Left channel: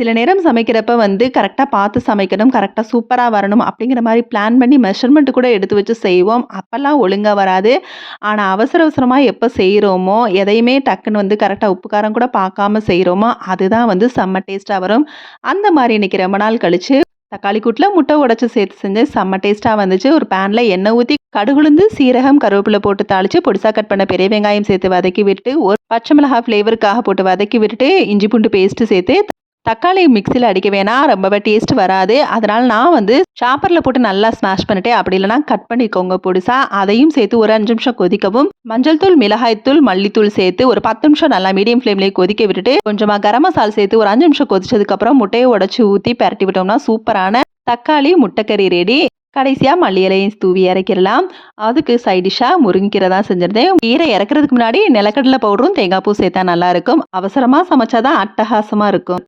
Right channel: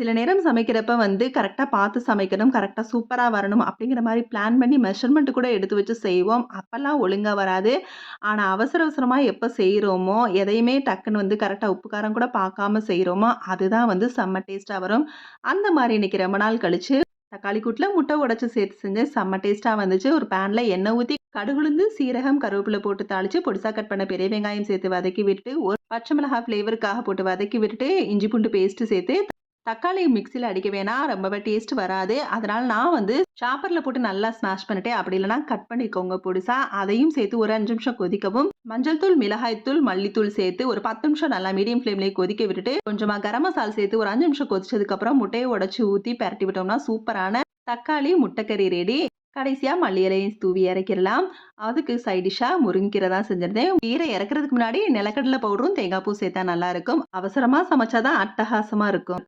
சில நேரம் சமைக்கிறப்ப வந்து கரெக்ட்டா பார்த்து சமைக்கணும், கரெக்ட்டா சூப்பரா வரணும் அப்படிங்கிற மாரி பிளான் பண்ணி மெஷர்மென்ட் கூட எடுத்து வச்சு செய்வோம். அப்பலாம் ஒழுங்கா வராது. ஆனா அவசர அவசரமா எப்ப செய்றோமோ, எதையுமே டக்குன்னு வந்து கரெக்ட்டா உப்பு, காரம் கூட பார்க்காம செய்றோமோ, அதுதான் வந்து செம்ம டேஸ்ட்டா வரும். அந்த மாரி இன்னைக்கு ரொம்ப நாள் கழிச்சு தக்காளி கூட்டுல முட்டை உடைச்சு சேர்த்து செஞ்சேன். செம்ம டேஸ்ட்டா வந்துச்சு. ஒரு பேன்ல எண்ணெய் ஊத்தி கடுகுளுந்து, சீரகம், கருவேப்பில போட்டு தாளிச்சு பொடிசா கட் பண்ண பெரிய வெங்காயம் சேர்த்து வதக்கி விட்டு, ஒரு பச்சை மிளகாய் ஃப்ளேவருக்காக போட்டு வதக்கி விட்டுட்டு, இஞ்சி பூண்டு பேஸ்ட்டு சேர்த்து தக்காளி மிக்ஸியில அடிக்க வேணாம். ரொம்பவே டேஸ்ட் வராது. அதனால நான் வந்து சாப்பர்ல போட்டு நல்லா ஸ்மாஷ் பண்ணிட்டு, அப்படி இல்லன்னா கட் பண்ணிக்கோங்க பொடிசா. அதையும் சேர்த்து ஒரு 5 நிமிஷம் கொதிக்கவும், மஞ்சள் தூள், மிளகாய் தூள், மல்லித்தூள் சேர்த்து ஒரு 10 நிமிஷம் நல்லா மீடியம் ஃப்ளேம்லயே கொதிக்க விட்டுட்டு, கொஞ்சமா கரம் மசாலா சேர்த்து ஒரு 5 நிமிஷம் கொதிச்சதுக்கப்புறம் முட்டைய உடைச்சு ஊத்தி பெரட்டி விட்டோம்னா, சூப்பரான தக்காளி முட்டைக்கறி ரெடி. கடைசியா மல்லி இலையும் தூவி இறக்கிரலாம். அதுக்கு சைட் டிஷ்ஷா முருங்கக்கீரை தான் செஞ்சிருந்தேன். கீரை இறக்குறதுக்கு முன்னாடி நிலக்கடலை பவுடரும், தேங்காய் பூ சேர்த்தா நல்லாருக்கும். அவசரமா சமைச்சா தான் அட்டகாசமா இருக்கும்.